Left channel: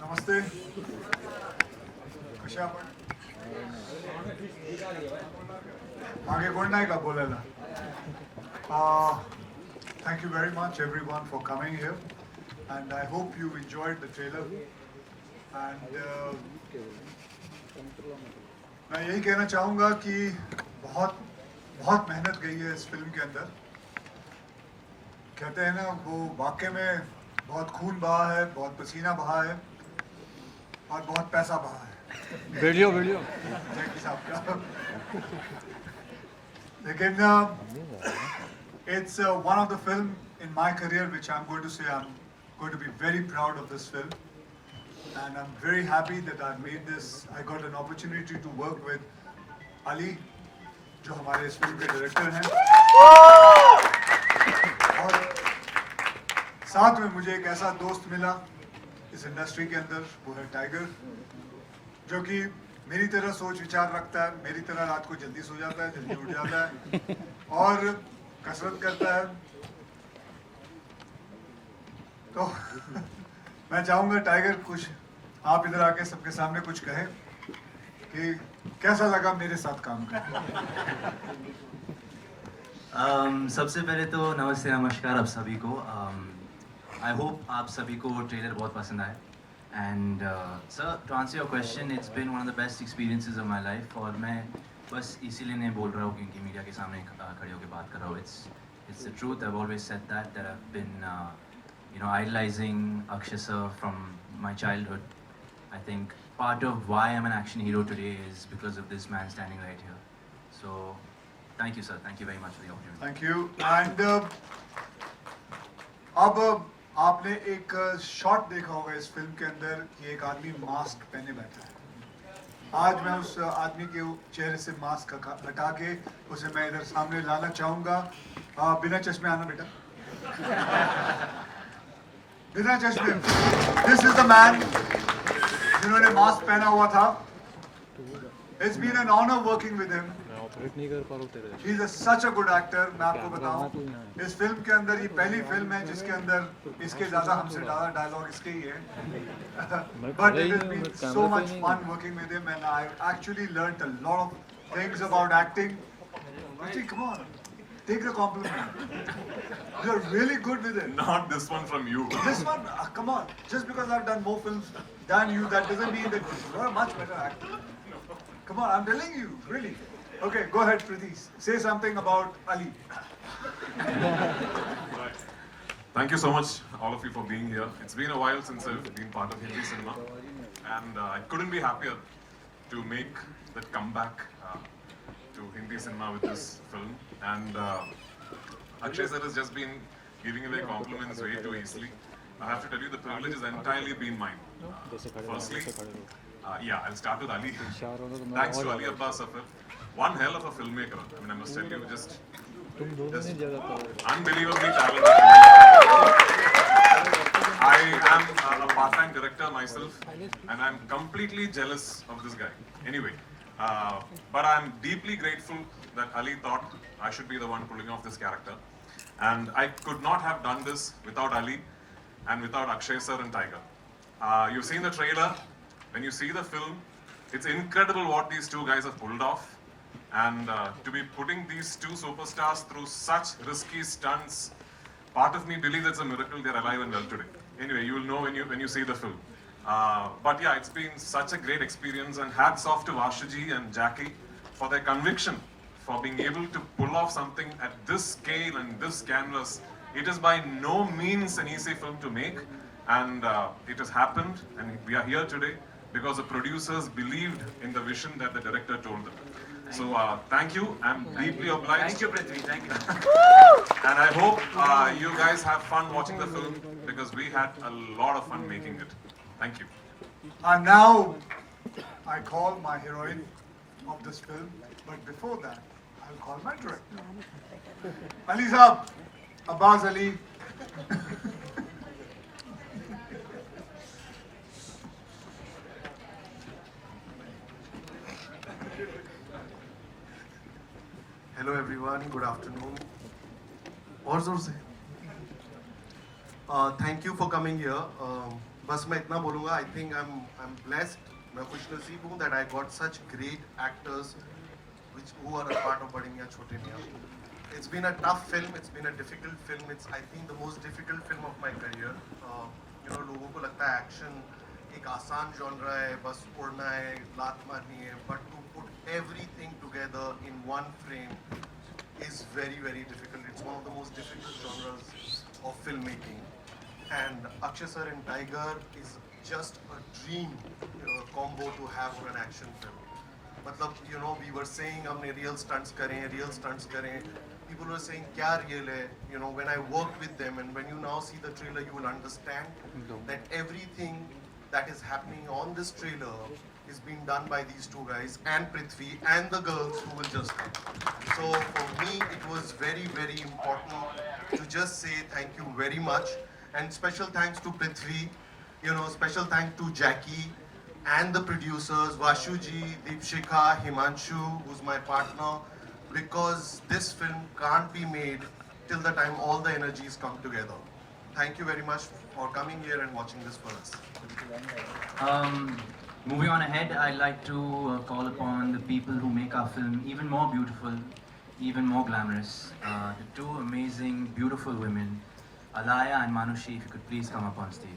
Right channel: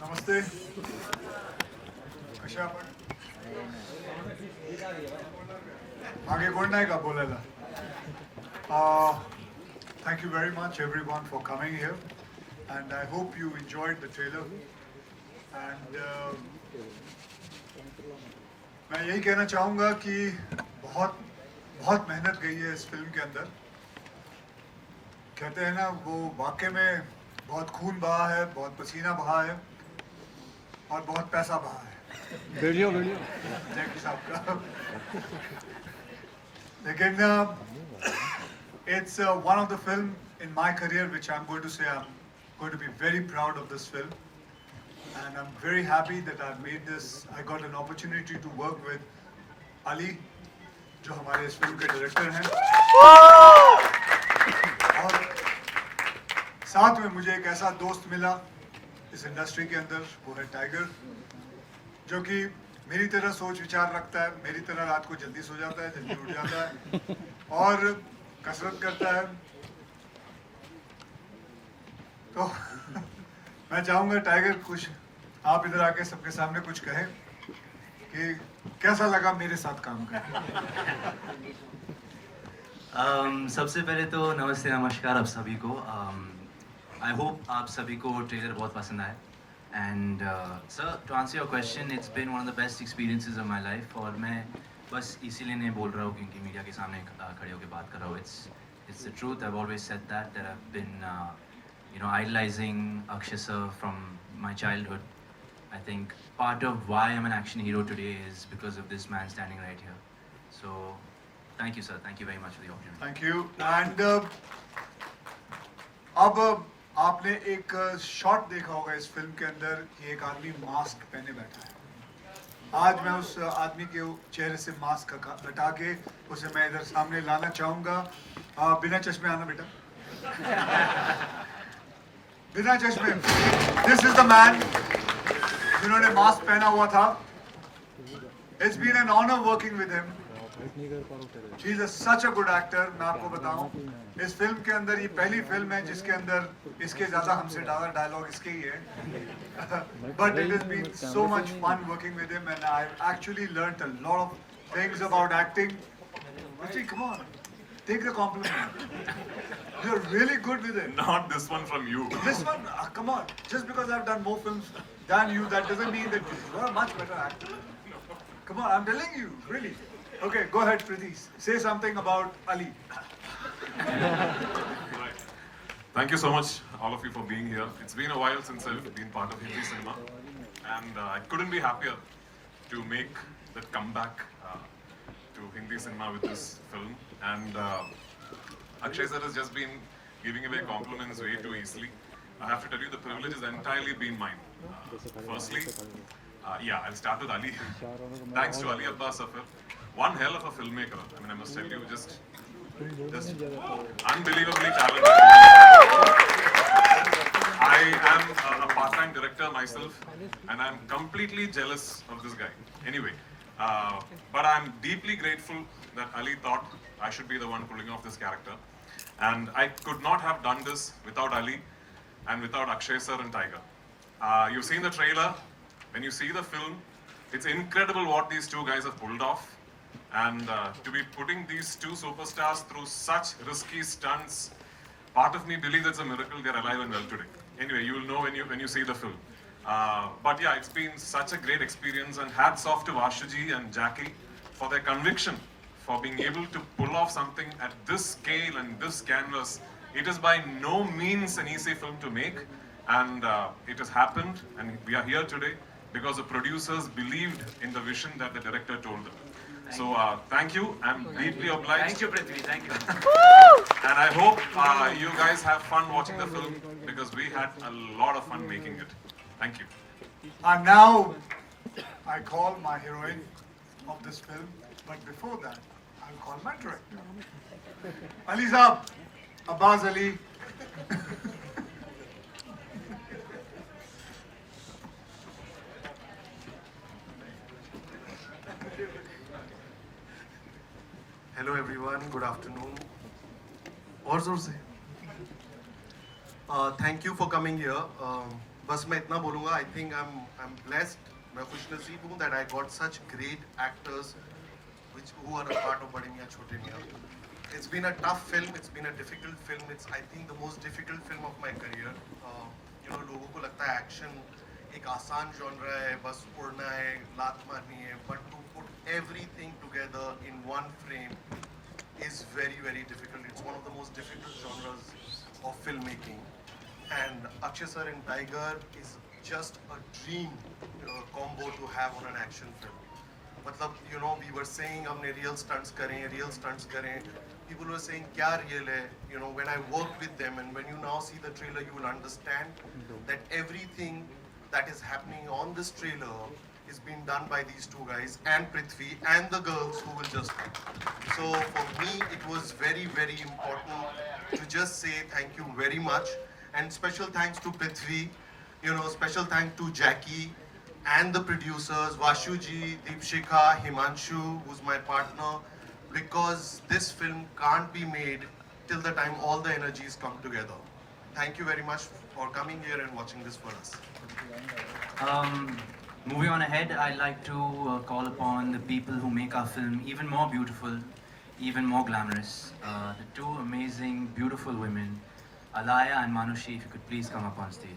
नमस्ते कशा आपण मागे कोण नाही का बोलायला Thank you very much everyone for coming here and I hope you enjoyed the trailer and मैं यही कहना चाहूँगा कि बहुत बहुत मेहनत गई है इस फिल्म के अंदर कहते हैं ना वो वाकई में बहुत खून बहा है बहुत पसीना बहा है और बहुत पैसा बहा है वीडियो जैकी साहब का लेकिन it's one of the film in my career which I'm going to say I'm going to be very proud of this film and I'm very happy that I made this I got an opportunity to work with Ali जो हमारे इस film के director हैं और साथ में मुझे एक ऐसा दोस्त मिला इस इंडस्ट्री के अंदर वो है टाइगर जो कि मेरी तरह सोच विचार रखता है मेरी तरह रात को जल्दी सो जाता है जल्दी उठ जाता है और कसरत करता है तो मैं चाहूंगा टाइगर कुछ आप इधर आके सबके सामने कुछ कहें कि कैसा लगा मेरे साथ काम करके सबसे पहले तो नमस्ते नमस्कार आप सभी को आई होप आप सभी को ट्रेलर बहुत पसंद आए and sir to answer your question it's been one of the best experiences of my life और मैं बस इसीलिए नहीं बोल रहा हूँ क्योंकि मीडिया के सामने खड़े होकर बात कर रहा हूँ it's the truth I have always said that I have been you know idolizing Akshay sir from my childhood. I think part of why I'm an action hero today is because of this man standing right here. So thank you sir, thank you very much for the opportunity. Thank you and अब आपने एक shot देखा होगा इस film के अंदर कि एक आदमी मास्क पहने बैठा है आज मैं उस आदमी के चेहरे से मास्क हटा के उसे मैं इधर सामने लाना चाहूंगा बिना चश्मे आना बेटा बिना चश्मे दिस इज द मैन जिन्होंने मास्क पहना हुआ था it's been an honour working with him he is such a good actor मैं आपको बताऊं इस फिल्म के अंदर ये पहली फिल्म है जिसके अंदर इसके ज्यादा हमसे ज्यादा डायलॉग इसके ही है but it has been so much fun working with him and I actually learned a lot of things about acting come on take the compliment you're really good with it Not this one from you. this one come on just because I've done more films than you that doesn't mean that you're a much better actor come on I'm telling you really okay go ahead Priti say something about Ali Right. Thank you so much, all of you, for being here. It's been a while since I've been part of Hindi cinema, and I couldn't be happier to make that comeback to Hindi cinema with this film. And Akshay sir has just been giving away compliments way too easily. I have to tell you, the privilege has entirely been mine. Firstly, I'll start with Ali. Thanks to Ali Abbas Safar, one hell of a filmmaker. I mean, I must tell you, just unbelievably talented. I am a part-time director myself, and I'm completely jealous of this guy. Anyway, but I'm deeply grateful that Ali thought I should be the one pulling off this character. And I could not have done this without Ali and without Akshay sir and Tiger. You've seen the trailer. When you see the film, it's incredible what these two guys have pulled off. And to be putting these two superstars through such risky stunts, part of me believes it's a miracle they're alive and well today. Anyway, you'll know when you see the film. But yeah, it's been such a great experience, and hats off to Vashuji and Jackie for their conviction, for being able to pull off something at this scale and this canvas. It is by no means an easy film to make, and it has happened, and we are here today because the producers believed in the vision that the director told them. So thank you. I'm deeply obliged. Thank you Prithvi, thank you. And I hope you guys have fun watching the film because we had a lot of fun making it. Thank you. and now I call my heroine of this film but before that I'll call my director Ali Saab Abbas Ali Hello everyone, good afternoon. और जोर से. Thank you for coming here. बस मैं इतना बोलूँगा, I think I'm blessed, मैं खुशनसीब हूँ that I got such great actors who are a part of Bade Miyan Chote Miyan. It's been a tough film, it's been a difficult film, it's I think the most difficult film of my career. You know, लोगों को लगता है action एक आसान genre है, बस उड़ना है, लात मारनी है, but to put everything together in one frame is very, very difficult. It's one of the most difficult genres of filmmaking. And Akshay sir in Tiger is just a dream combo to have on an action film. मतलब, you know, we were saying हमने real stunts करें. People were saying क्या real है? You know, when I worked with them and when you now see the trailer, you will understand that everything that is happening on this trailer is being done by these two guys and Prithvi and the girls who will just come. So for me, it was very, very important to just say thank you very much. And special thanks to Prithvi, you know, special thanks to Jackie and the producers, Vashuji, Deepshikha, Himanshu, who's my partner, because this film can't be made till the time all the energies come together. Thank you very much for coming here and watching this for us. Moving on ahead, I'd like to call upon the people who make our film even more beautiful, even more glamorous. The two amazing, beautiful women, Alaya and Manushi, if you could please come up on stage.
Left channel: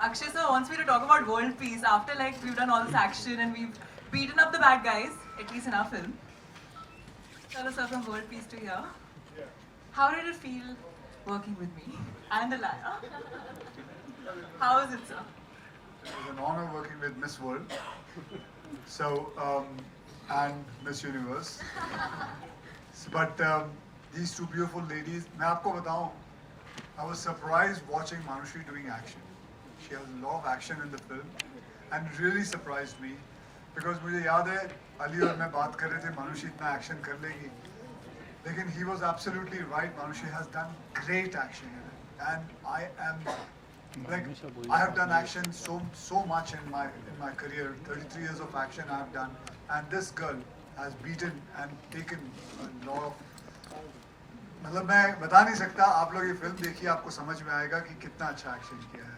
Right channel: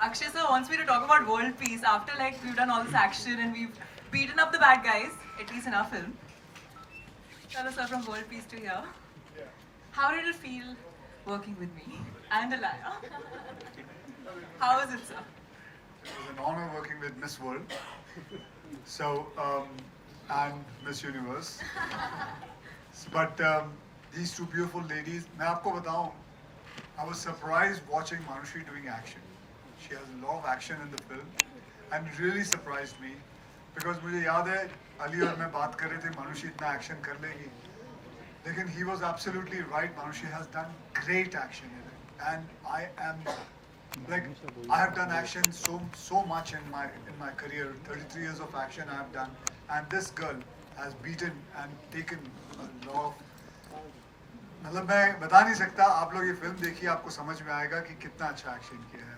Akshay sir wants me to talk about world peace after like we've done all this action and we've beaten up the bad guys, at least in our film. Hello sir, from World Peace to here. How did it feel working with me and Alaya? How is it, sir? It was an honor working with Miss World. So, and Miss Universe. But these two beautiful ladies, मैं आपको बताऊं, I was surprised watching Manushi doing action. She has a lot of action in the film and it really surprised me because मुझे याद है अली और मैं बात कर रहे थे Manushi इतना action कर लेगी, लेकिन he was absolutely right. Manushi has done great action in it and I am like I have done action so much in my career. 33 years of action I have done, and this girl has beaten and taken a lot of. मतलब मैं बता नहीं सकता, आप लोग ये film देखिए आपको समझ में आएगा कि कितना अच्छा एक्शन किया है.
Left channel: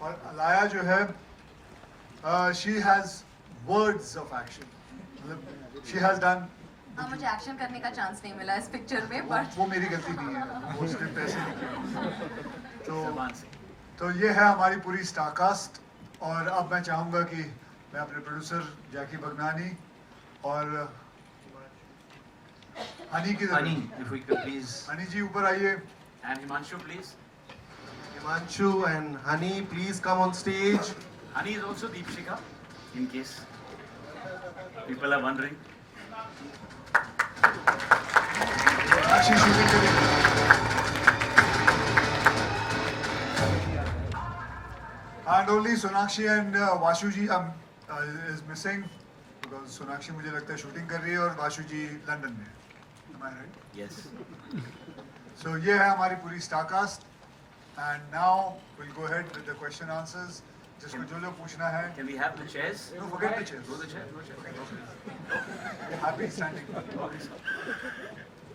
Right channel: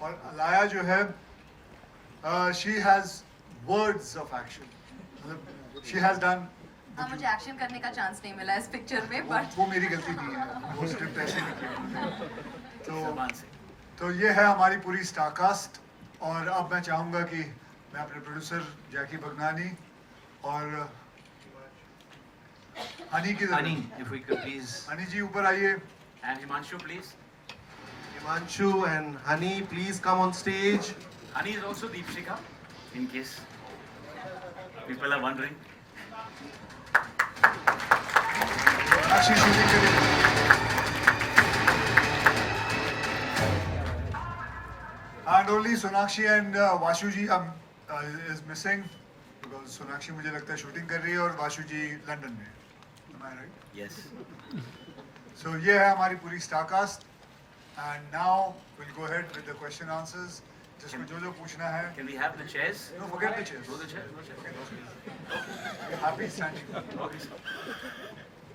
और अलाया जो है, she has words of action. मतलब she has done. मुझे एक्शन करने का चांस नहीं मिला इस पिक्चर में, but वो मेरी गलती नहीं है, वो स्क्रिप्ट ऐसे नहीं. तो ये है हमारी पूरी स्टार कास्ट. और अब मैं चाहूँगा कि मैं अपने प्रोड्यूसर जैकी बगनानी और हनी की Honey, if we could please. Honey जी ऊपर आइए. And Himanshu, please. Himanshu and Honey, please come on stage. Honey is also Deepshikha, in case people are wondering. अच्छी शूटिंग के लिए. And only Sonakshi and Vashuji is missing because Sonakshi मुझे लगता है shooting कर रही है और वाशुजी लंदन में. Am I right? Yes. So ये है हमारी पूरी star cast. And now we'll go ahead with the question answers. जिसको जो पूछना है. Can we have the chairs? No, forget the chairs. Go the chair. Go the chair. We're happy standing.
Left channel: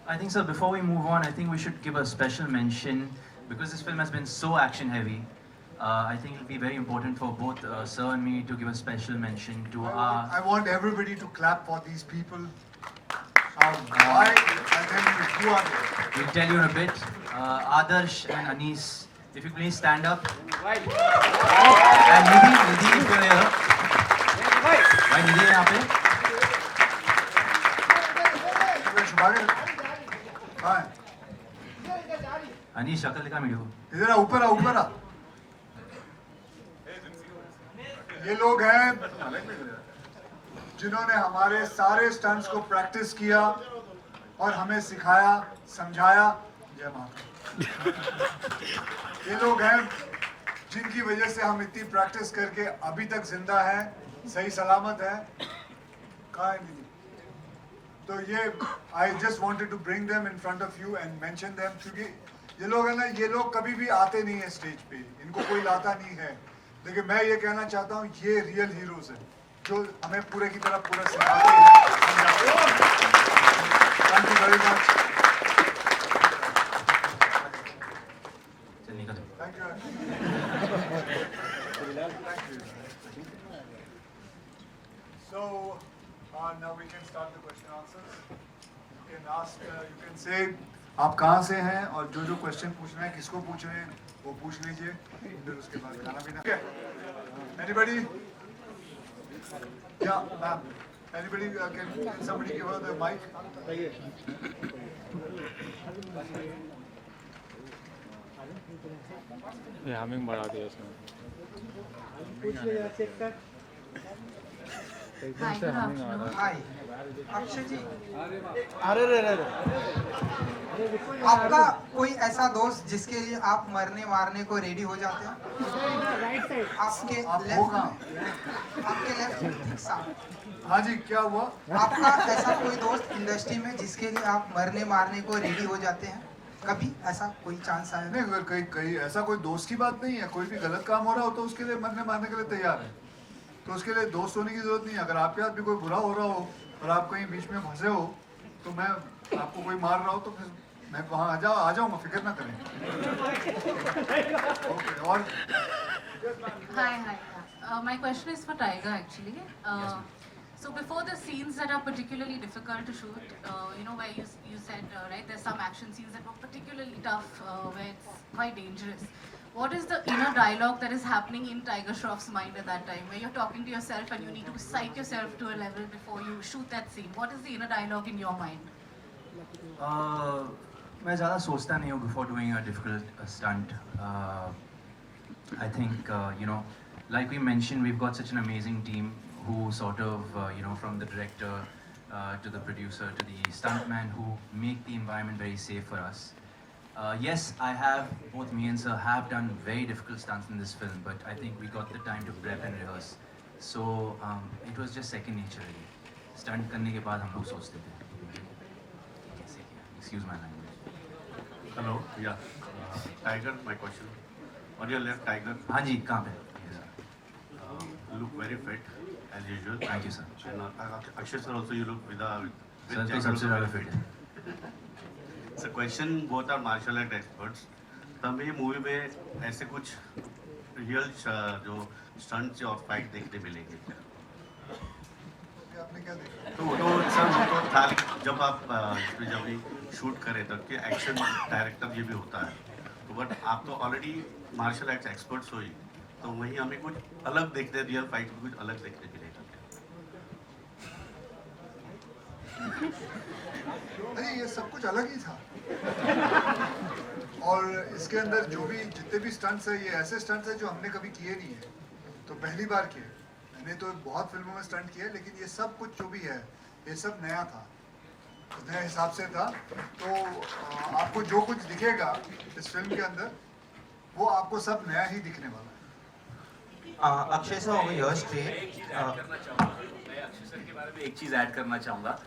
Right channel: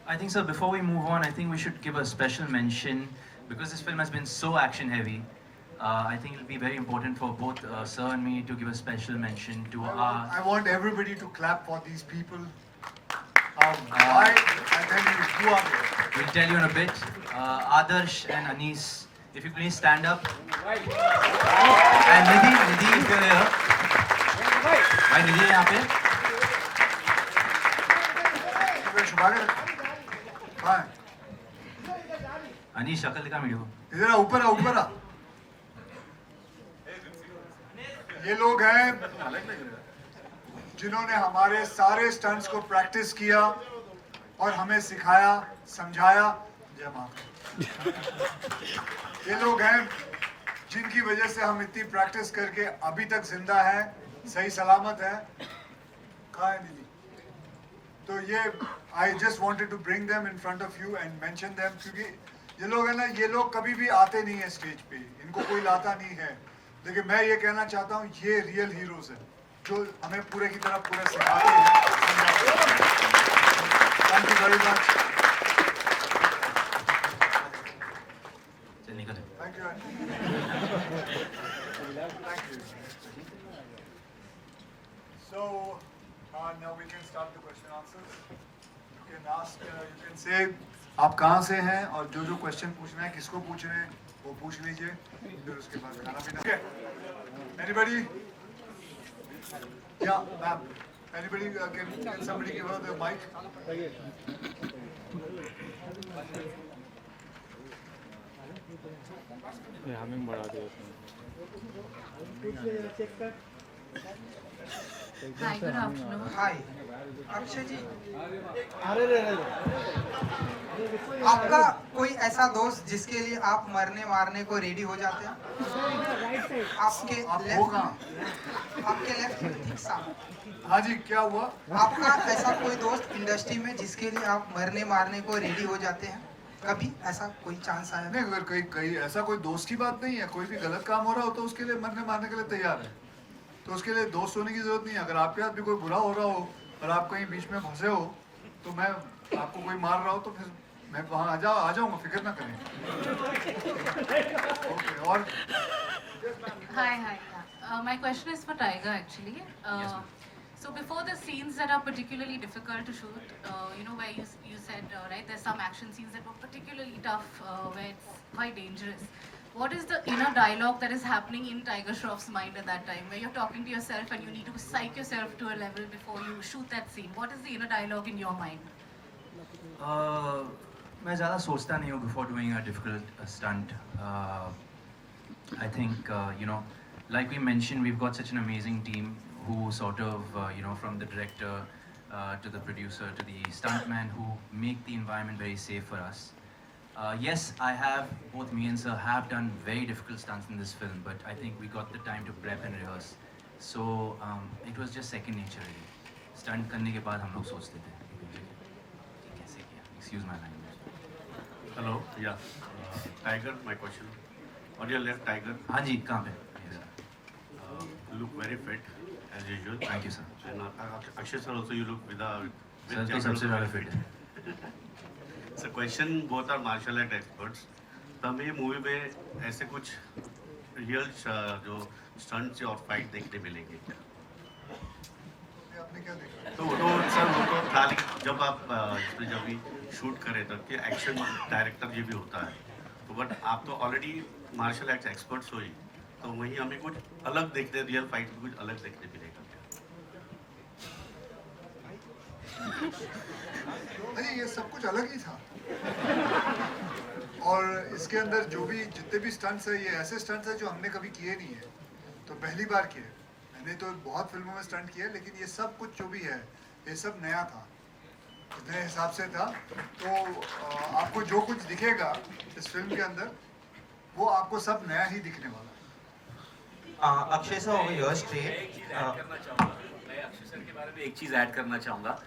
I think, sir, before we move on, I think we should give a special mention because this film has been so action heavy. I think it'll be very important for both sir and me to give a special mention to our. I want everybody to clap for these people. Why? I tell you, who are they? We'll tell you in a bit. Adarsh and Anis, if you please stand up. And Nidhi, if you're here. Why Nidhi है यहाँ पे? कहाँ है? Anis, शक्ल दिखा मेरे को. इधर आ, ऊपर आ, ऊपर आ. ये लोग हैं जिन्होंने हमारे सारे स्टंट्स को प्रैक्टिस किया और हमें सिखाया, समझाया. जय मां. ये लोग हैं जिनकी वजह से हम इतनी प्रैक्टिस करके अभी तक जिंदा हैं, सही सलामत हैं. कहाँ है नहीं? तो ये I just wanted to bring them in front of you and mention them क्योंकि ये लोग है ना, ये लोग कभी भी आते नहीं है स्टेज पे, इनको कोई लाता नहीं है. लेकिन मैं ये कहना चाहता हूँ ये रियल हीरोज हैं. जो हमें पूरे की तरह पूरा सिखाते हैं। Thank you very much. चल निकल। Thank you. Thank you. So now we can start the question answers. You can ask, you can say आप कहाँ से हैं और जो जो क्वेश्चन पूछना है किसको पूछना है वो पूछ लीजिए, फिर उसके बाद खाना पीना। Anybody? Yeah, ma'am. Anybody can somebody give her the mic? ये हमें बढ़ा दिया उसने। Hi, good afternoon. हाय अक्षय जी, अरे रे रे आपका कोई ऐसा दोस्त जिसके लिए आप मरने मारने को रेडी हो जाते हैं? आपके आप हो लेफ्ट कहाँ? आपके लेफ्ट ठीक सामने। हाँ जी, क्या हुआ? आपका ऐसा कोई दोस्त इंडस्ट्री में जिसके लिए आप मरने मारने को रेडी हो जाते हैं? कभी ऐसा कोई चांस आया? नहीं, अगर कहीं कहीं ऐसा कोई दोस्त की बात नहीं है, कोई भी गलत काम हो रहा हो तो उसके लिए मरने मारने के लिए तैयार है। तो उसके लिए दोस्त होने की जरूरत नहीं है। अगर आपके साथ भी कोई बुरा हो रहा हो और आप कहीं बीच में फंसे हो तो मैं आपको कोई मार रहा हो तो फिर मैं वहाँ आ जाऊँगा, फिक्र ना करें। ओके, और Hi. My question is for Tiger actually. So before the scenes that are particularly difficult to shoot, where you said, right, there's some action scenes that were particularly tough, where it's quite dangerous. What is the inner dialogue that is happening in Tiger Shroff's mind at that time, where you're talking to yourself and you need to psych yourself to a level before you shoot that scene? What is the inner dialogue in your mind? मैं ज़्यादा सोचता नहीं हूँ before doing a difficult stunt. I think like we mentioned, we've got such an amazing team who sort of from the director to the producer to the stuntman who make the environment very safe for us. Yes, both me and sir have done very difficult stunts in this film, but I think we got the time to prep and rehearse. So it was just second nature really. Stunt करने के बाद हम लोग सोचते थे कैसे किया. Excuse my language. Hello, yeah. Tiger, my question. On your left, Tiger. हाँ जी, कहाँ पे? You look very fit as usual. Thank you, sir. And Akshay sir also you look with sir तो सबसे ज़्यादा fit है. So question, both are martial art experts. तो हमें ये मूवी में ऐसे कुछ रियल जो स्टंट्स और फाइट देखने मिलेंगे क्या? आपने क्या देखा? तो सर वो तो खाली जब आप इसमें जब भी शूट करें तब कि एक्शन डायरेक्टर ये भी होता है, तो बट आप तो ऑलरेडी मार्शल आर्ट्स एक्सपर्ट्स हो ही, तो वहीं हमें कुछ अलग देखने, रियल फाइट में कुछ अलग देखने मिलेगा क्या? अरे ये सब कुछ अलग ही था। और इसके अंदर जो भी जितने भी स्टंट्स है, ये ऐसे स्टंट्स है जो हमने कभी किए नहीं है, तो पहली बार किए। मैंने तो बहुत फिल्मों में स्टंट किया, लेकिन ये सब कुछ जो भी है ये सब नया था, नए हिसाब से था। तो आपको जो कुछ दिखेगा इस फिल्म के अंदर वो आपको सब नया ही दिखने वाला है। Akshay sir, over your stay. मैं अक्षय सर के बारे में एक चीज ऐड करना चाहूँगा.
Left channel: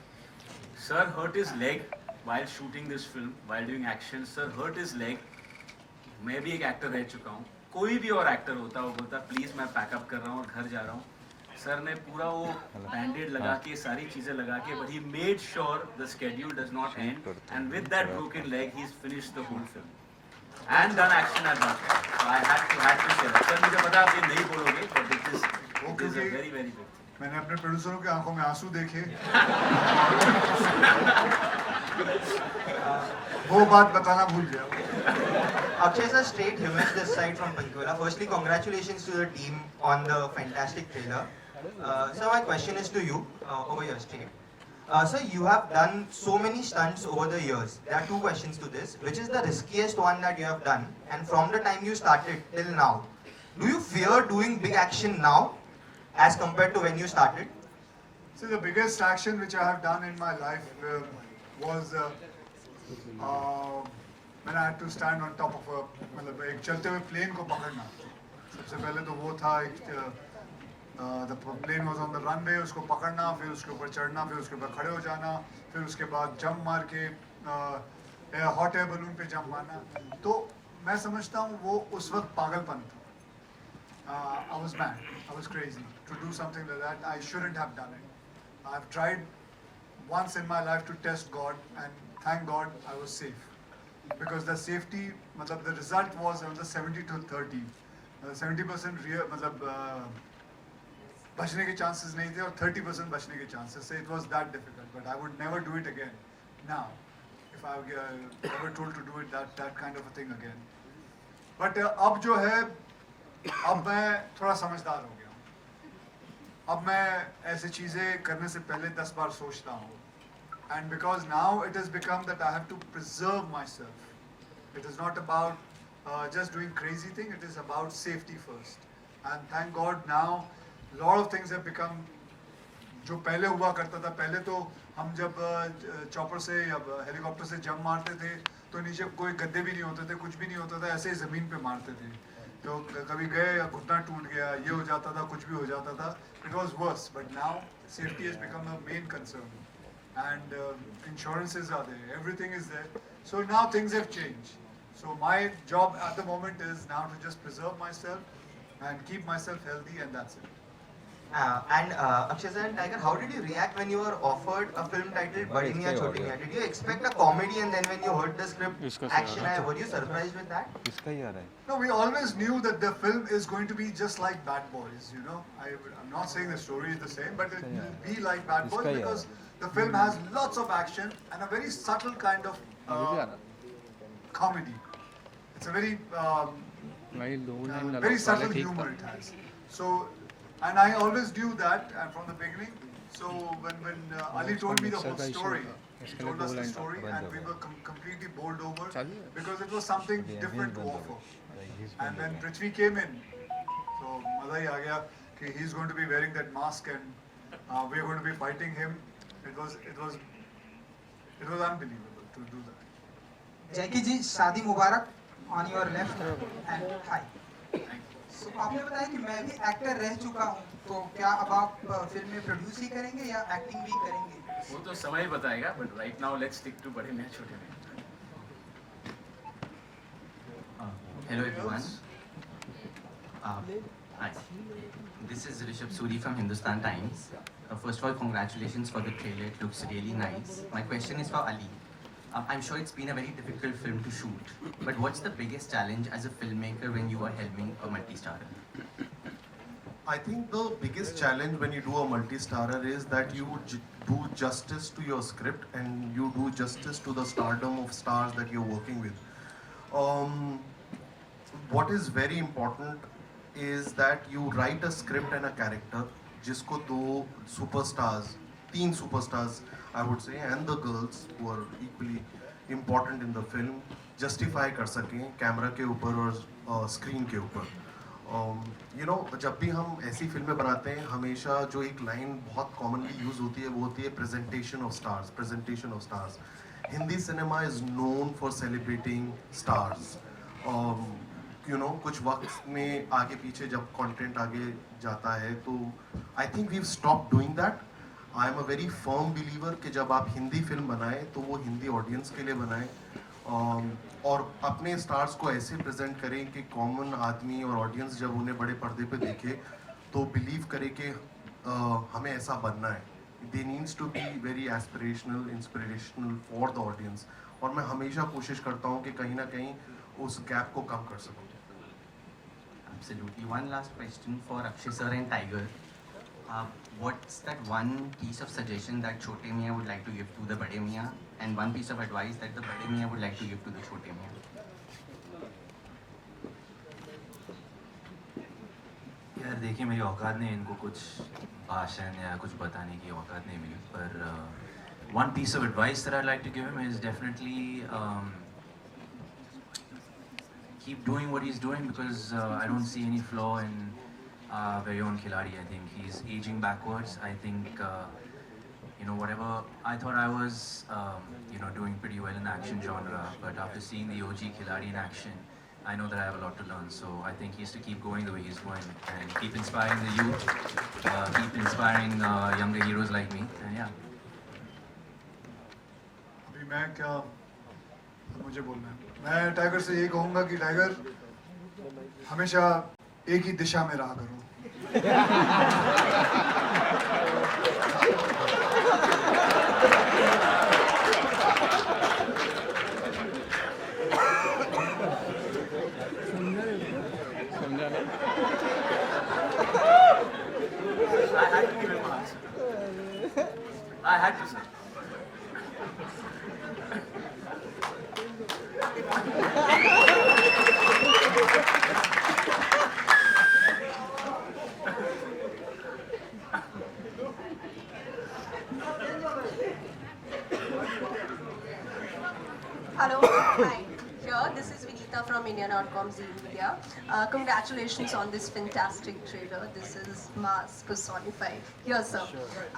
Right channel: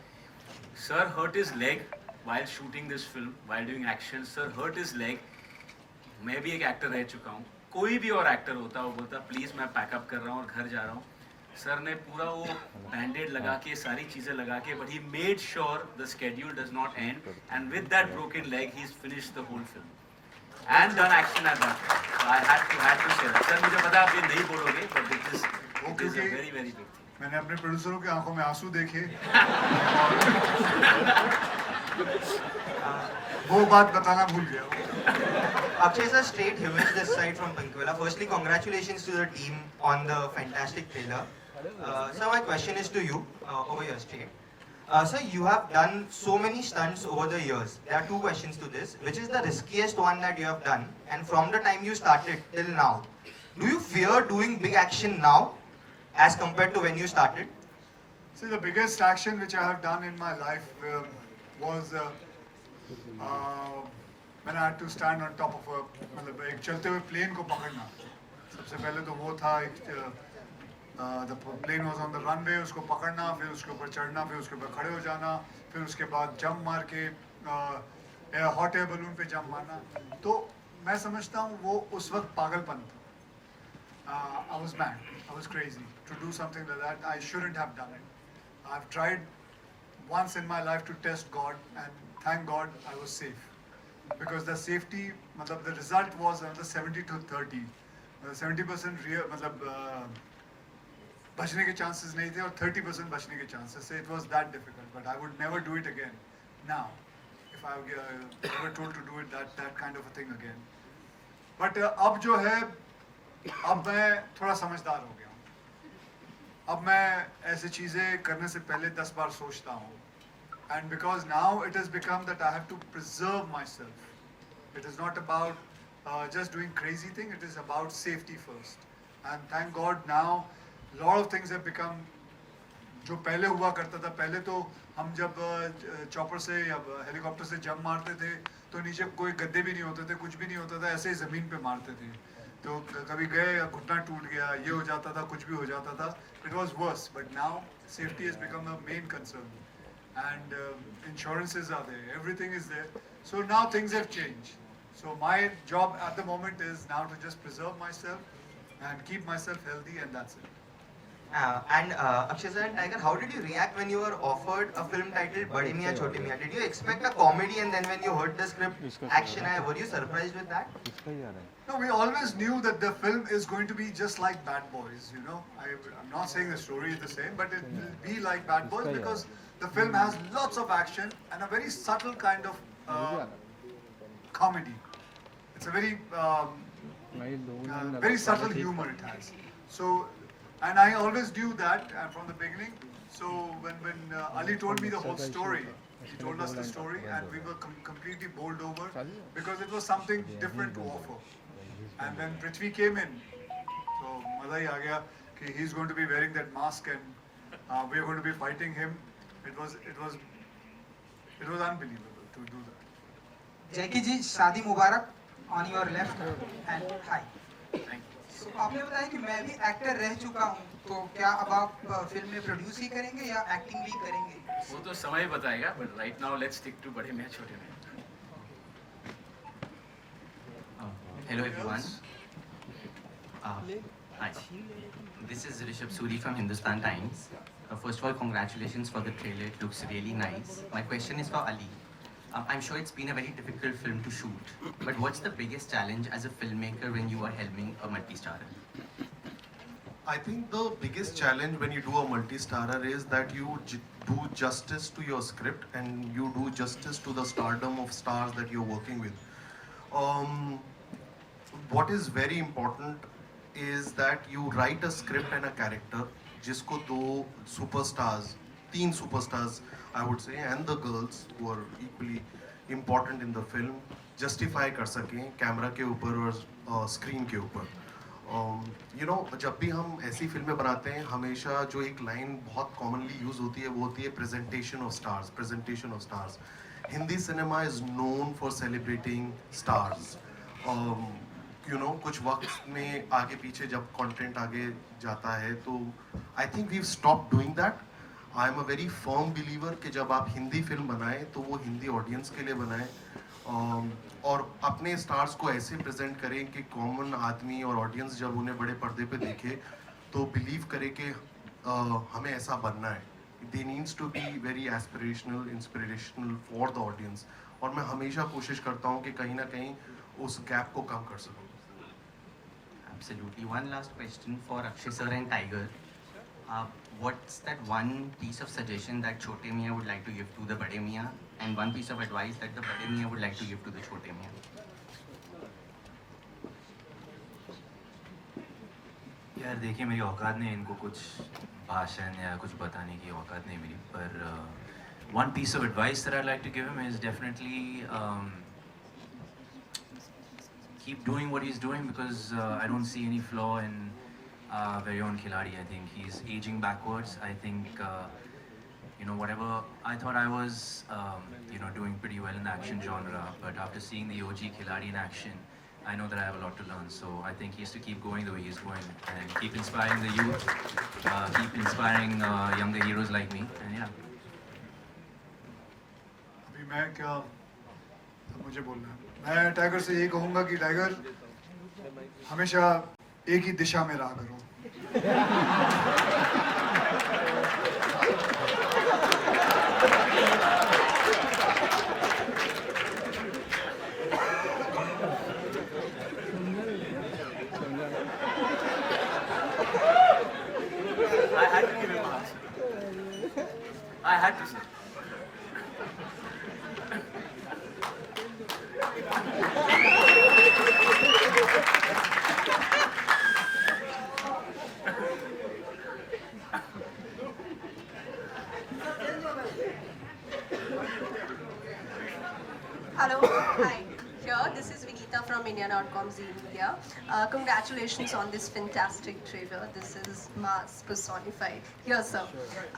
Sir hurt his leg while shooting this film, while doing action. Sir hurt his leg. मैं भी एक एक्टर रह चुका हूँ. कोई भी और एक्टर होता वो बोलता प्लीज मैं पैकअप कर रहा हूँ और घर जा रहा हूँ. सर ने पूरा वो बैंडेड लगा के सारी चीजें लगा के, but he made sure the schedule does not end, and with that broken leg he's finished the whole film and done action at that. So I had to say that. Sir मुझे पता आप ये नहीं बोलोगे, but it is a very very big thing. मैंने अपने प्रोड्यूसरों की आंखों में आंसू देखे, वो बात बताना भूल गया। Akshay sir, straight humans this side from Pankwela. Firstly, congratulations to the team on the fantastic trailer. Sir, my question is to you, over here straight. Sir, you have done so many stunts over the years. There are two questions to this. Which is the riskiest one that you have done? And from the time you started till now, do you fear doing big action now as compared to when you started? So the biggest action which I have done in my life was when I had to stand on top of मतलब एक चलते हुए plane को पकड़ना। सबसे पहले तो वो था, the plane was on the runway, उसको पकड़ना, फिर उसके ऊपर चढ़ना, फिर उसके ऊपर खड़े हो जाना, फिर उसके बाद जंप मार के हॉट एयर बलून पे जंप मारना। तो मैं समझता हूँ वो उस वक्त पागलपन था। I was mad. I was crazy to do something like that. I shouldn't have done it. I've tried once in my life to test God, and thank God I was safe. Because the safety, the result was another 70 to 30. 70% real, बचने के chances नहीं थे और 30% बचने के chances थे. It was that difficult, but I would never do it again. Now, if I were ever told to do it, that kind of a thing again. But अब जो है, अब मैं थोड़ा समझदार हो गया हूँ. अब मैं ऐसी चीजें करने से पहले 10 बार सोचता हूँ. And because now it has become that I have to preserve myself. It is not about just doing crazy thing. It is about safety first. And thank God now, a lot of things have become. जो पहले हुआ करता था, पहले तो हम जब chopper से या हेलीकॉप्टर से जंप मारते थे, तो नीचे कोई गद्दे भी नहीं होते थे, कुछ भी नहीं होता था, ऐसे ही जमीन पे मारते थे. तो कभी गए या घुटना टूट गया, ये हो जाता था, कुछ भी हो जाता था. It was worse, but now safety has become the main concern. And insurances are there, everything is there. So now things have changed. So my job at the moment is now to just preserve myself and keep myself healthy, and that's it. Akshay sir and Tiger, how did you react when you were offered a film titled Bade Miyan Chote Miyan? Did you expect a comedy, and then when you heard the script, action, were you surprised with that? No, we always knew that the film is going to be just like Bad Boys, you know. I'm not saying the story is the same, but it will be like Bad Boys because the film has lots of action and a very subtle kind of comedy. It's a very very subtle humor it has. So, and I always knew that from the beginning. So when Ali told me the whole story, he told us the story, and we were completely bowled over because it was something different to offer. And then Prithvi came in, so maza hi aa gaya कि he's going to be wearing that mask and we are going to be fighting him. It was unbelievable to do that. जैकी जी, शादी मुबारक. On your left and hi. So, आपने बताया कि मैं भी actor रह चुका हूँ, तो क्या अब आप फिल्म में प्रोड्यूस ही करेंगे या एक्टिंग भी करेंगे? वो तो समय बताएगा, but right now let's stick to बड़े मियां छोटे मियां. Hello everyone. Hi. This is Rishabh Suri from Hindustan Times. First of all, congratulations for the trailer. It looks really nice. My question is for Ali. I'm sure it's been a very difficult film to shoot, but what's the biggest challenge as a filmmaker when you are helming a multi-starrer? I think the biggest challenge when you do a multi-starrer is that you do justice to your script and you do justice to the stardom of stars that you're working with. What is very important is that you write a script and a character जिसको तीन superstars I would say, and the girls who are equally important in the film justify कर सकें camera के ऊपर और screen के ऊपर. You know, जब भी हम ऐसी फिल्में बनाते हैं, हमेशा जो एक लाइन बहुत कॉमनली यूज होती है वो होती है presentation of stars. Hindi cinema is known for celebrating stars. You know, कुछ वक्त में आगे पीछे जब कंटेंट आगे जाता है तो I think we stop doing that. I am a very firm believer कि जब आप हिंदी फिल्म बनाएं तो वो हिंदी ऑडियंस के लिए बनाएं और अपने स्टार्स को ऐसे प्रेजेंट करें कि कॉमन आदमी और ऑडियंस जब उन्हें बड़े पर्दे पे देखे तो बिलीव करे कि हमें ऐसा बनना है. They needs to be very aspirational, inspirational for the audience. और मैं हमेशा कोशिश करता हूँ कि कहीं ना कहीं उस गैप को कम कर सकूँ. Absolutely. One last question for Akshay sir and Tiger. What's that one piece of suggestion that Chote Miyan would like to give to the Bade Miyan, and one piece of advice that the Bade Miyan would like to give to the Chote Miyan? यार देखिए, मेरी औकात नहीं इनको कुछ भाषण या कुछ बताने की औकात नहीं मिली, पर one piece of advice that I'd like to give him is definitely keep doing what he's doing, because I don't see any flaw in very own Khiladi. I think he's aging backwards. I think you know, whatever I thought I was you know, doing pretty well in the action genre, but after seeing the OG Khiladi in action, I know that I have a lot to learn. So I think he has to keep going the way he's going and keep inspiring the youth, keep inspiring younger heroes like me, and yeah. अभी मैं क्या मुझे बोलना है. मैं tiger से यही कहूँगा कि टाइगर हमेशा एक ही दिशा में रहा करो. I had to give him an answer. I had to, sir. Hello, hi. Here, this is Vinita from India.com Z Media. Congratulations on this fantastic trailer. This is mass personified. Here, sir.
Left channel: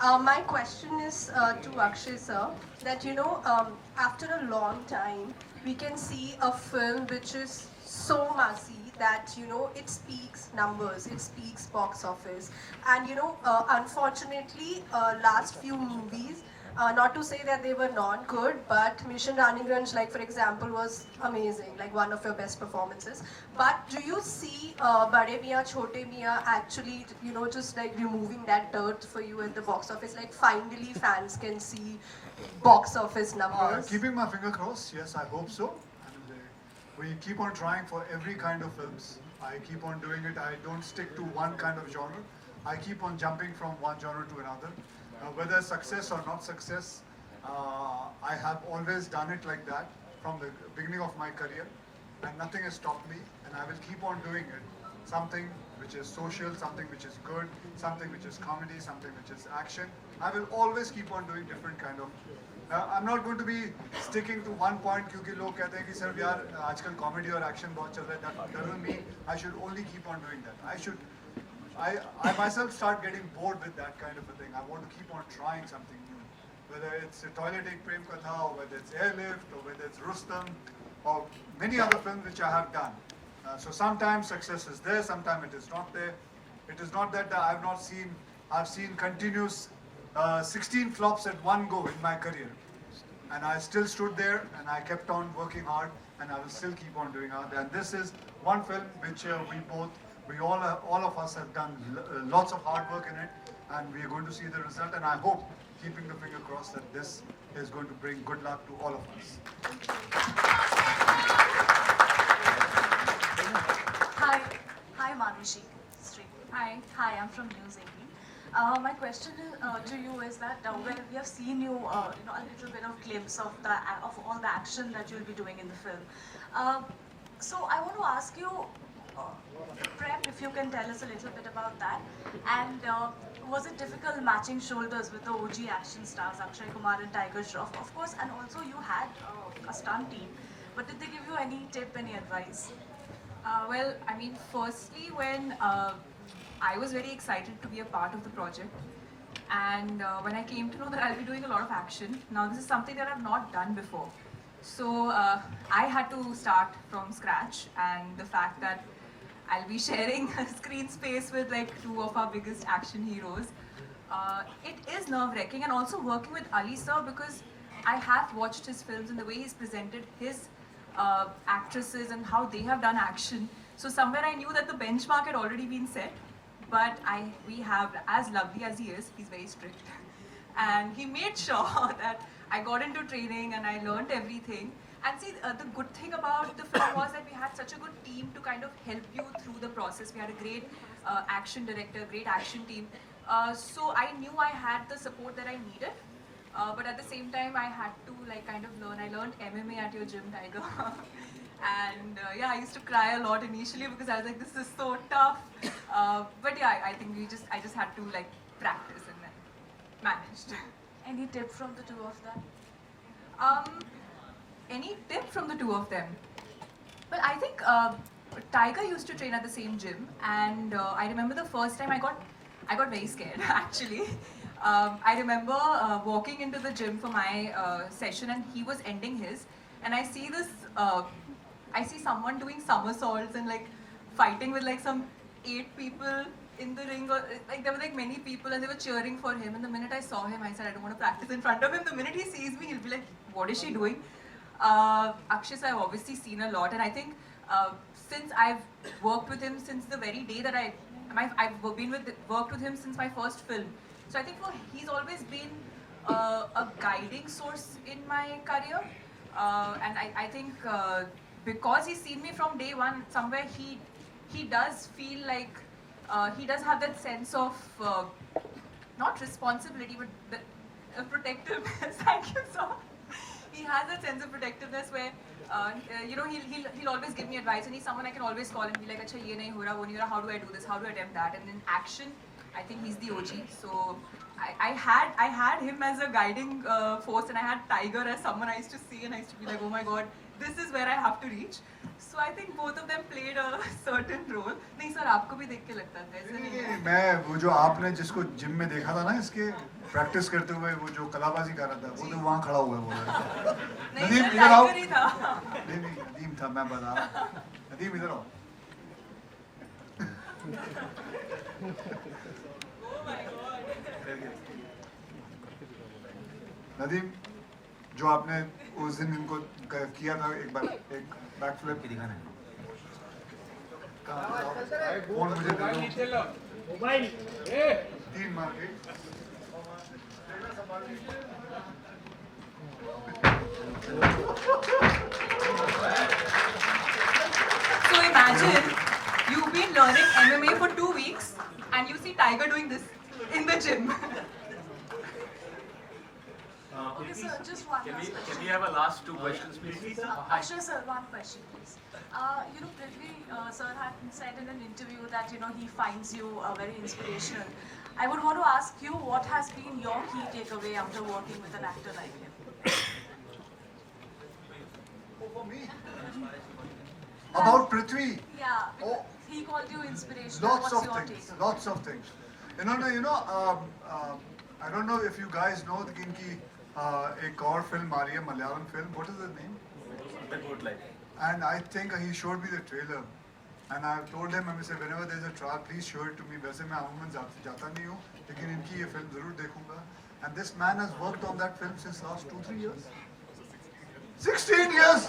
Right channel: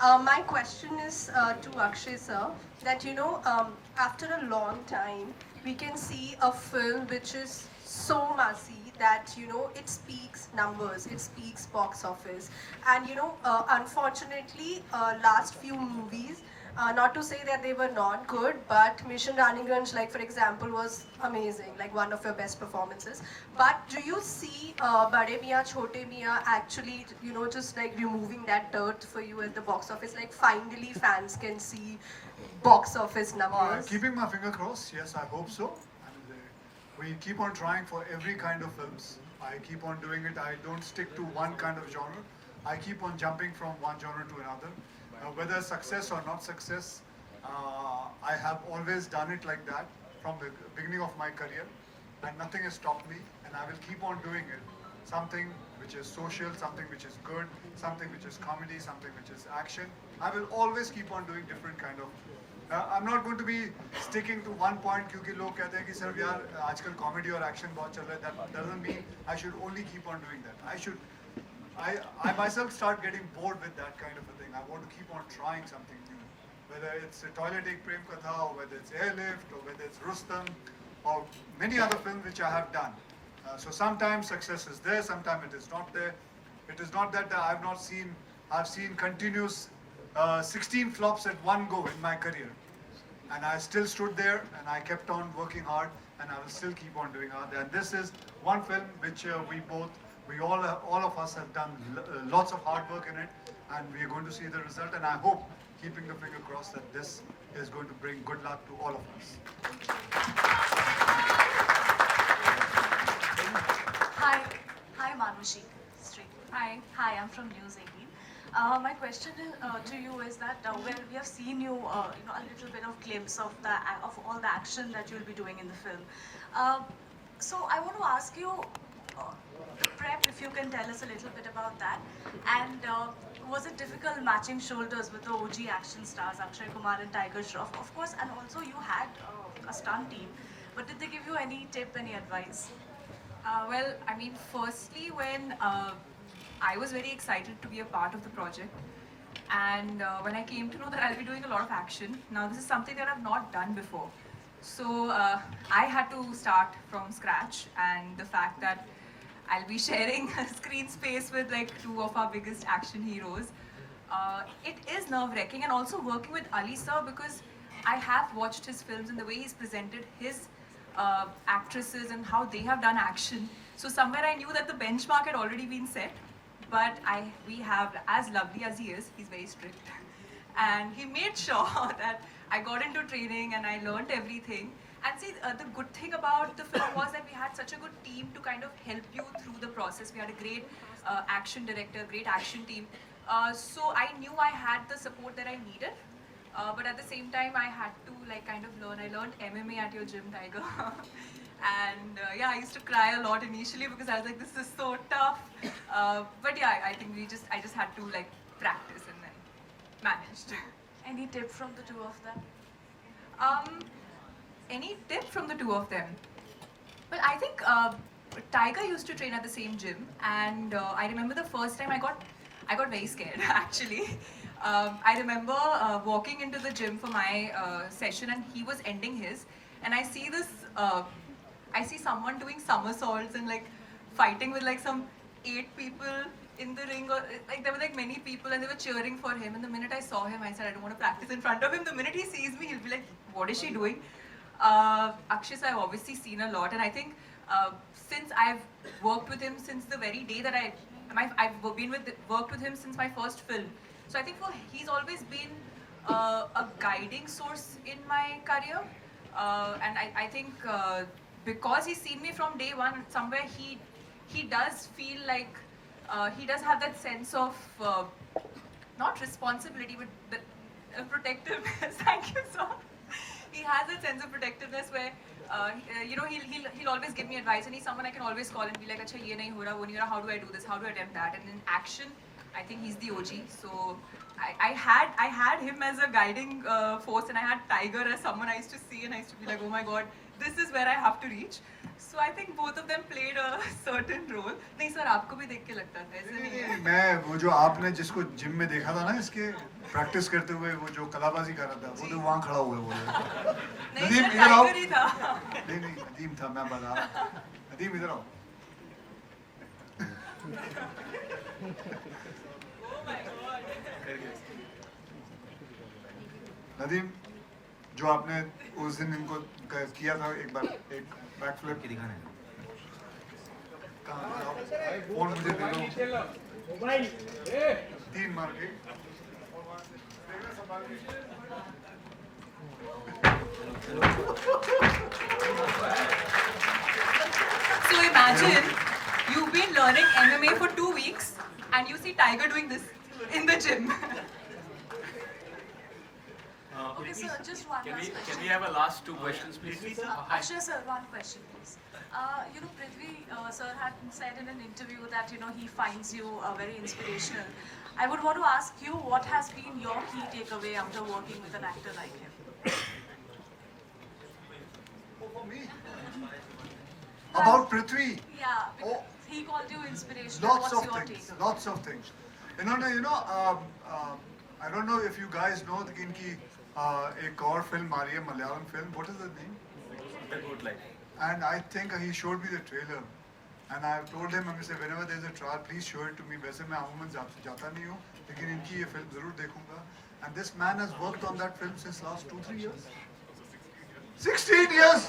My question is to Akshay, sir, that after a long time, we can see a film which is so massy that it speaks numbers, it speaks box office, and unfortunately, last few movies. Not to say that they were not good, but Mission Raniganj, like for example, was amazing, like one of your best performances. But do you see Bade Miyan Chote Miyan actually, just like removing that dirt for you at the box office? Like finally fans can see box office numbers. Keeping my finger crossed, yes, I hope so. And we keep on trying for every kind of films. I keep on doing it. I don't stick to one kind of genre. I keep on jumping from one genre to another. Whether success or not success, I have always done it like that from the beginning of my career, and nothing has stopped me, and I will keep on doing it. Something which is social, something which is good, something which is comedy, something which is action. I will always keep on doing different kind of. I'm not going to be sticking to one point क्योंकि लोग कहते हैं कि sir यार आजकल comedy और action बहुत चल रहा है. That doesn't mean I should only keep on doing that. I myself start getting bored with that kind of a thing. I want to keep on trying something new. Whether it's a Toilet Ek Prem Katha, or whether it's Airlift, or whether it's Rustam, or many other films which I have done. So sometimes success is there, sometimes it is not there. It is not that I've seen continuous 16 flops at one go in my career. And I still stood there and I kept on working hard, and I will still keep on doing hard. And this is one film which all of us have done lots of hard work in it, and we are going to see the result. And I hope, keeping the finger crossed, that this is going to bring good luck to all of us. Hi, Manushi. Hi, I'm from News 18. My question to you is that we have seen you, a little bit of glimpse of all the action that you'll be doing in the film. So I want to ask you. The prep, if you can tell us a little bit about that, and was it difficult matching shoulders with the OG action stars Akshay Kumar and Tiger Shroff, of course, and also you had a stunt team, but did they give you any tip, any advice? Well, I mean, firstly, when I was very excited to be a part of the project, and when I came to know that I'll be doing a lot of action, now this is something that I've not done before. So I had to start from scratch, and the fact that I'll be sharing a screen space with like two of our biggest action heroes. It is nerve-wracking, and also working with Ali sir, because I have watched his films and the way he's presented his actresses and how they have done action. So somewhere I knew that the benchmark had already been set, but we have, as lovely as he is, he's very strict. And he made sure that I got into training and I learned everything. And see, the good thing about the film was that we had such a good team to kind of help you through the process. We had a great action director, great action team. So I knew I had the support that I needed. But at the same time, I had to like kind of learn. I learned MMA at your gym, Tiger. And yeah, I used to cry a lot initially because I was like, this is so tough. But yeah, I think I just had to like practice and then managed. Any tip from the two of them? Any tip from the two of them? Well, I think Tiger used to train at the same gym, and I remember the first time I got very scared actually. I remember walking into the gym for my session, and he was ending his, and I see this. I see someone doing somersaults and like fighting with like some 8 people in the ring, or like there were like many people and they were cheering for him. And the minute I saw him, I said I don't want to practice in front of him. The minute he sees me, he'll be like, what is she doing? Akshay, I've obviously seen a lot, and I think since I've worked with him since the very day that I've worked with him since my first film. So I think he's always been a guiding source in my career, and I think because he's seen me from day one, somewhere he does feel like he does have that sense of not responsibility, but the protectiveness. Thank you, sir. He has a sense of protectiveness where, he'll always give me advice, and he's someone I can always call and be like, "Acha, ye nahi ho raha, wo nahi ho raha. How do I do this? How do I attempt that?" And in action, I think he's the OG. So I had him as a guiding force, and I had Tiger as someone I used to see, and I used to be like, "Oh my God, this is where I have to reach." So I think both of them played a certain role. नहीं sir, आपको भी देख के लगता था ऐसे नहीं है? मैं वो जो आपने जिसको जिम में देखा था ना, इसके प्रैक्टिस करते हुए, वो जो कलाबाजी कर रहा था, वो तो वहाँ खड़ा हुआ है, बोल रहा है। नहीं सर, टाइगर ही था। नहीं नदीम था, मैं बता रहा हूँ। नदीम इधर आओ। Oh my God. नदीम, जो आपने उस दिन इनको किया था, एक बार एक बैक फ्लिप दिखाना है। फोन मुझे दे दो। 3 मार के। So imagine you've been learning MMA for 2 weeks and you see Tiger doing this in the gym. Okay, sir, just one last question. Can we have a last 2 questions, please? Akshay sir, one question, please. Prithvi sir had said in an interview that he finds you very inspirational. I would want to ask you, what has been your key takeaway after working with an actor like him? For me? About Prithvi? Yeah, because he called you inspirational. Lots What's of your things. take? Lots of things. I don't know if you guys know कि इनकी एक और film आ रही है, Malayalam film. What is the name? The Good Life. And I think he showed me the trailer. And I told him, I said, whenever there's a trial, please show it to me. वैसे मैं अमूमन जाता नहीं हूँ, लेकिन इनकी ये film जरूर देखूंगा. And this man has worked on that film since last 2-3 years. 16 years.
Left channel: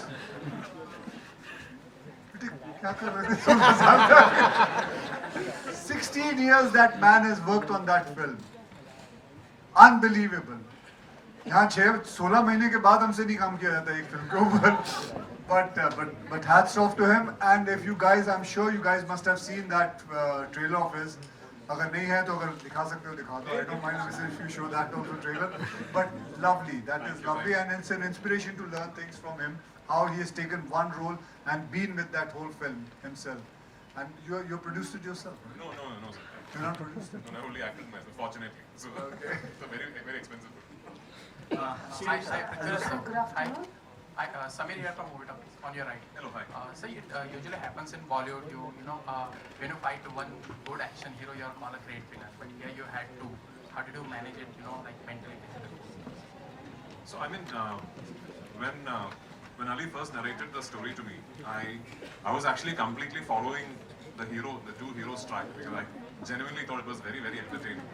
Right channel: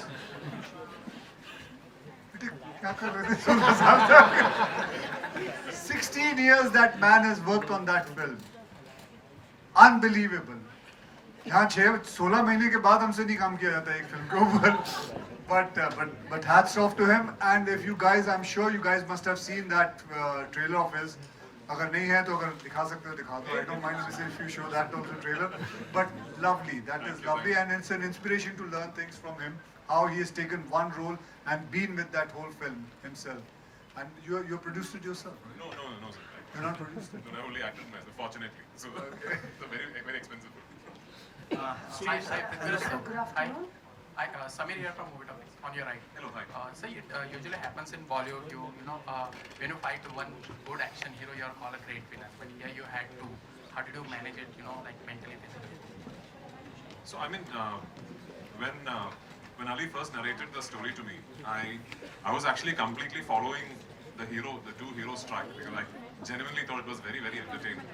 क्या कर रहे थे? 16 years that man has worked on that film. Unbelievable. यहाँ 16 महीने के बाद हमसे नहीं काम किया जाता एक फिल्म के ऊपर. But hats off to him. And if you guys, I'm sure you guys must have seen that trailer of his. अगर नहीं है तो अगर दिखा सकते हो दिखा दो. I don't mind if you show that also trailer. But lovely, that is lovely, and it's an inspiration to learn things from him. How he has taken one role and been with that whole film himself. And you're produced it yourself, right? No, sir. You're not produced it? No, I only acted myself, fortunately. So it's a very expensive film. Good afternoon. Hi, Samir here from Movie Topic, on your right. Hello, hi. So it usually happens in Bollywood, when you fight one good action hero, you are called a great villain. But here you had two. How did you manage it, like mentally, physically? So I mean, when Ali first narrated the story to me, I was actually completely following the two heroes track, because I genuinely thought it was very entertaining.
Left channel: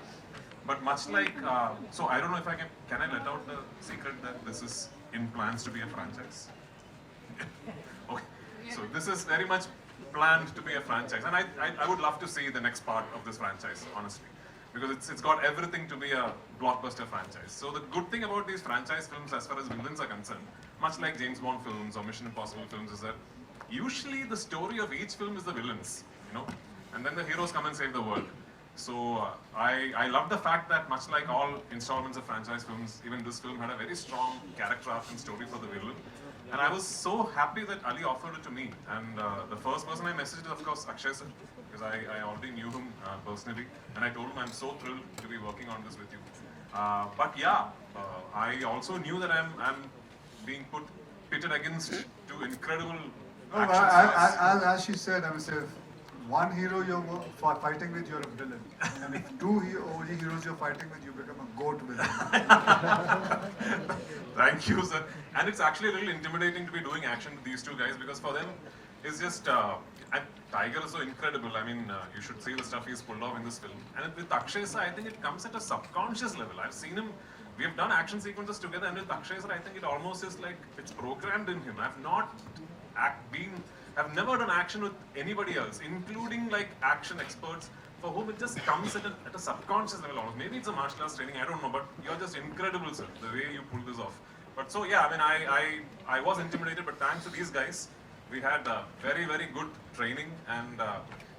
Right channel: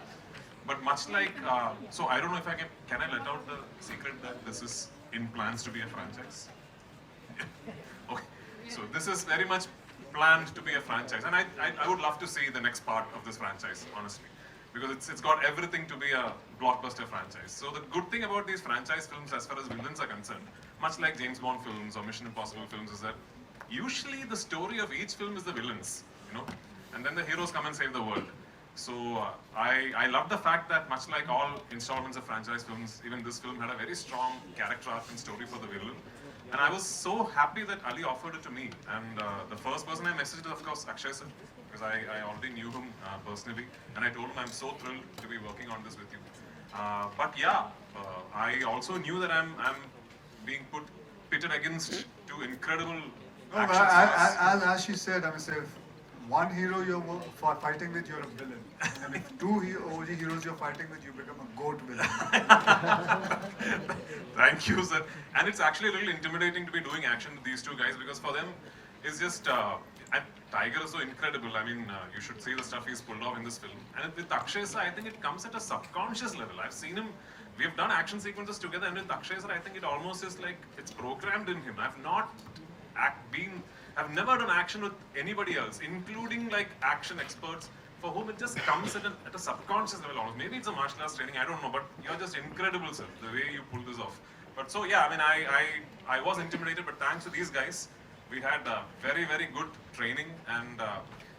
But much like, so I don't know if can I let out the secret that this is in plans to be a franchise? Okay, so this is very much planned to be a franchise, and I would love to see the next part of this franchise, honestly, because it's got everything to be a blockbuster franchise. So the good thing about these franchise films, as far as villains are concerned, much like James Bond films or Mission Impossible films, is that usually the story of each film is the villains, and then the heroes come and save the world. So I love the fact that, much like all installments of franchise films, even this film had a very strong character arc and story for the villain. And I was so happy that Ali offered it to me. And the first person I messaged is, of course, Akshay sir, because I already knew him personally. And I told him I'm so thrilled to be working on this with you. But yeah, I also knew that I'm being pitted against two incredible action stars. As she said, if one hero you're fighting with, you're a villain. And if two OG heroes you're fighting with, you become a goat villain. Thank you, sir. And it's actually a little intimidating to be doing action with these two guys, because for them, it's just, and Tiger is so incredible. I mean, you should see the stuff he's pulled off in this film. And with Akshay sir, I think it comes at a subconscious level. I've seen him, we have done action sequences together, and with Akshay sir, I think it almost is like it's programmed in him. I've not been I've never done action with anybody else, including like action experts for whom it just comes at a subconscious level almost. Maybe it's a martial arts training, I don't know, but you're just incredible, sir, the way you pull this off. But so yeah, I mean, I was intimidated, but thanks to these guys, we had very, very good training, and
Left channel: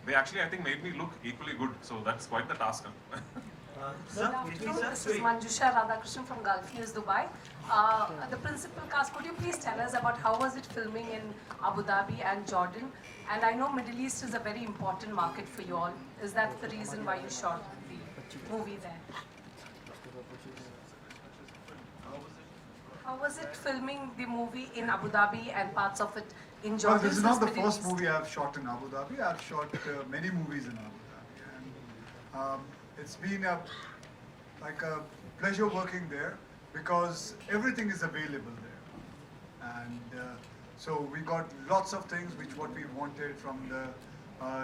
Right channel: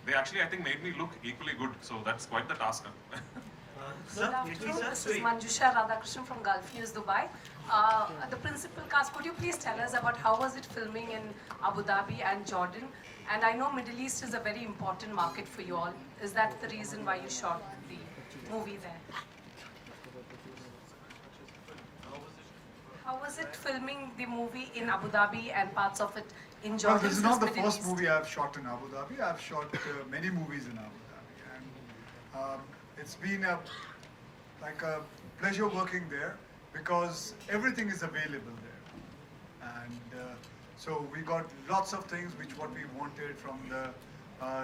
they actually, I think, made me look equally good. So that's quite the task. Good afternoon. This is Manjusha Radhakrishnan from Gulf News, Dubai. The principal cast, could you please tell us about how was it filming in Abu Dhabi and Jordan? And I know Middle East is a very important market for you all. Is that the reason why you shot the movie there? How was it filming the movie in Abu Dhabi and parts of it in Well, Jordan? this is not the Middle first East? movie I've shot in Abu Dhabi. I've shot many movies in Abu Dhabi, and it's been a pleasure working there because everything is available there, and so we got lots of things what we wanted from the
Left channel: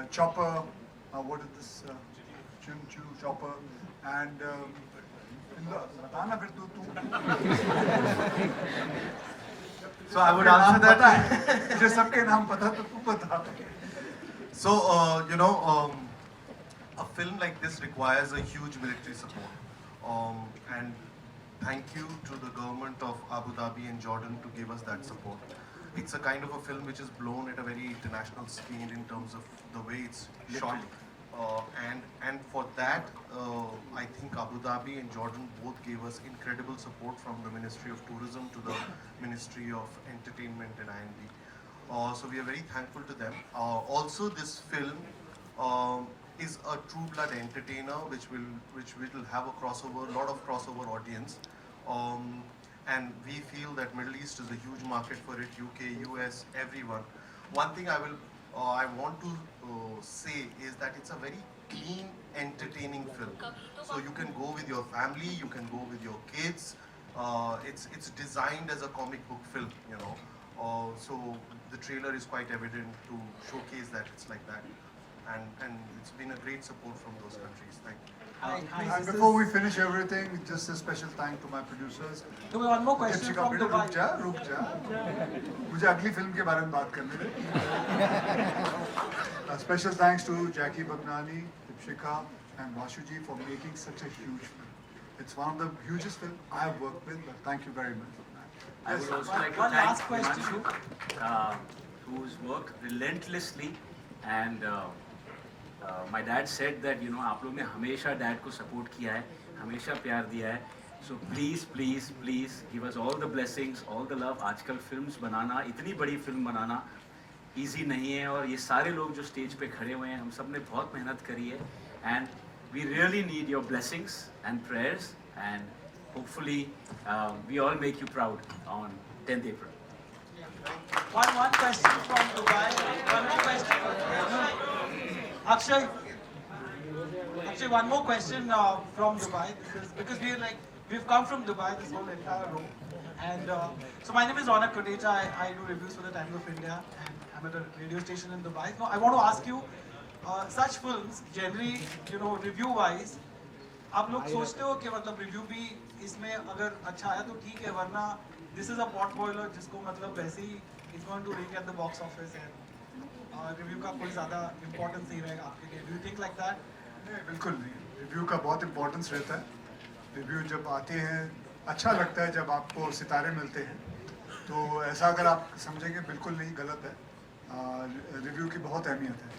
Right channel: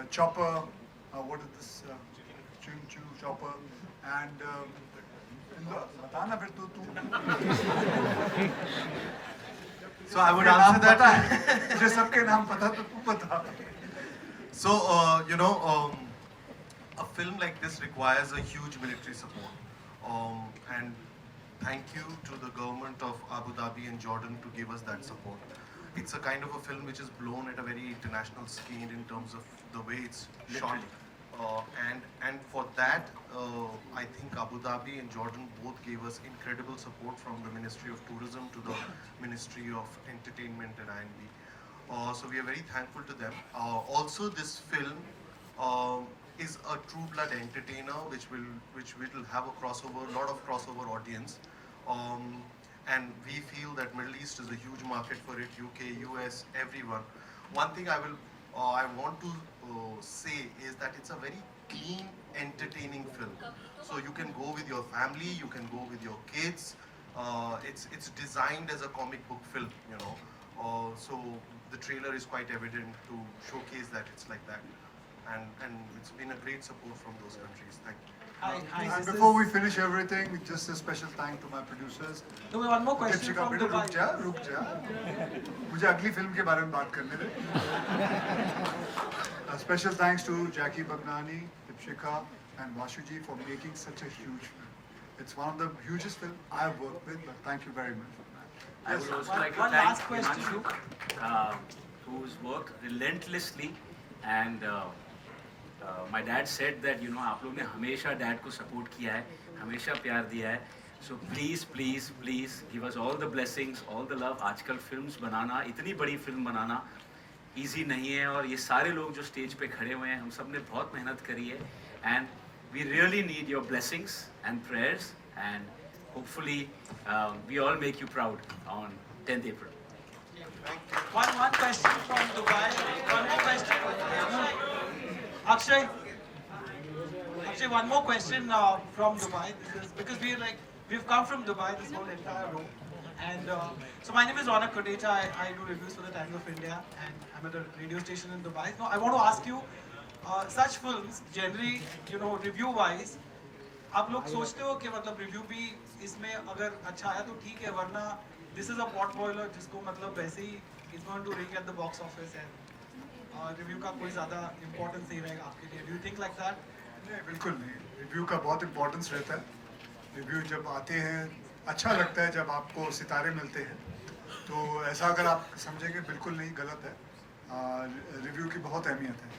chopper. What is this? Choo chopper, and. So I would answer that. So a film like this requires a huge military support, and thank you to the government of Abu Dhabi and Jordan to give us that support. It's a kind of a film which is blown at a very international scale in terms of the way it's shot. And for that, I think Abu Dhabi and Jordan both gave us incredible support, from the Ministry of Tourism to the Ministry of Entertainment and I&B. So we are very thankful to them. Also, this film is a true blood entertainer, which will have a lot of crossover audience. And we feel that Middle East is a huge market for it. UK, US, everyone. One thing I want to say is that it's a very clean, entertaining film. So you can go with your family, you can go with your kids. It's designed as a comic book film, so the trailer is quite evident to showcase that it's like that. And it's been a great support from those countries. Thank you. And before we finish everything, just a special thank to my producers. One more question from Dubai. रुक जा मुझे अगली film के बारे में बात करने दे. Special thanks to Jackie Bagnani, Dipshika and Vashuji for making such a huge film. It's one of the hugest films I have worked with, but thank you very much for that. I would also like to One thank last question. Himanshu, whose work relentlessly, and my dad said that आप लोग ने हमेशा dad को support किया है, हमेशा प्यार दिया है. So please give us all the blessings, all the love. आजकल films बनाना, इतनी बड़ी film बनाना easy नहीं है, और ये सारे लोग जो stage पे खड़े हुए हैं, हम सब ने बहुत मेहनत करी है, and we really need your blessings and prayers, and hopefully we all make you proud on 10th April. One question from Dubai. One more question. Akshay, one more question from Dubai, because we've come from Dubai, this whole entire row, and so my name is Ronak Kotecha. I do reviews for the Times of India, and I'm at a radio station in Dubai. Now I want to ask you, such films generally, review-wise, आप लोग सोचते हो कि मतलब review भी इसमें अगर अच्छा आया तो ठीक है, वरना this is a pot boiler जिसको मतलब वैसे ही it's going to ring at the box office, and review का कोई ज़्यादा इम्पोर्टेंस नहीं रहेगा आपके लिए. Do you think like that? नहीं, बिल्कुल नहीं. रिव्यू का बहुत इम्पोर्टेंस रहता है. रिव्यू जब आते हैं अच्छा लगता है, जब आपको सितारे मिलते हैं, तो ऐसा अगर आप समझेंगे बिल्कुल नहीं, गलत है. रिव्यू की बहुत अहमियत है.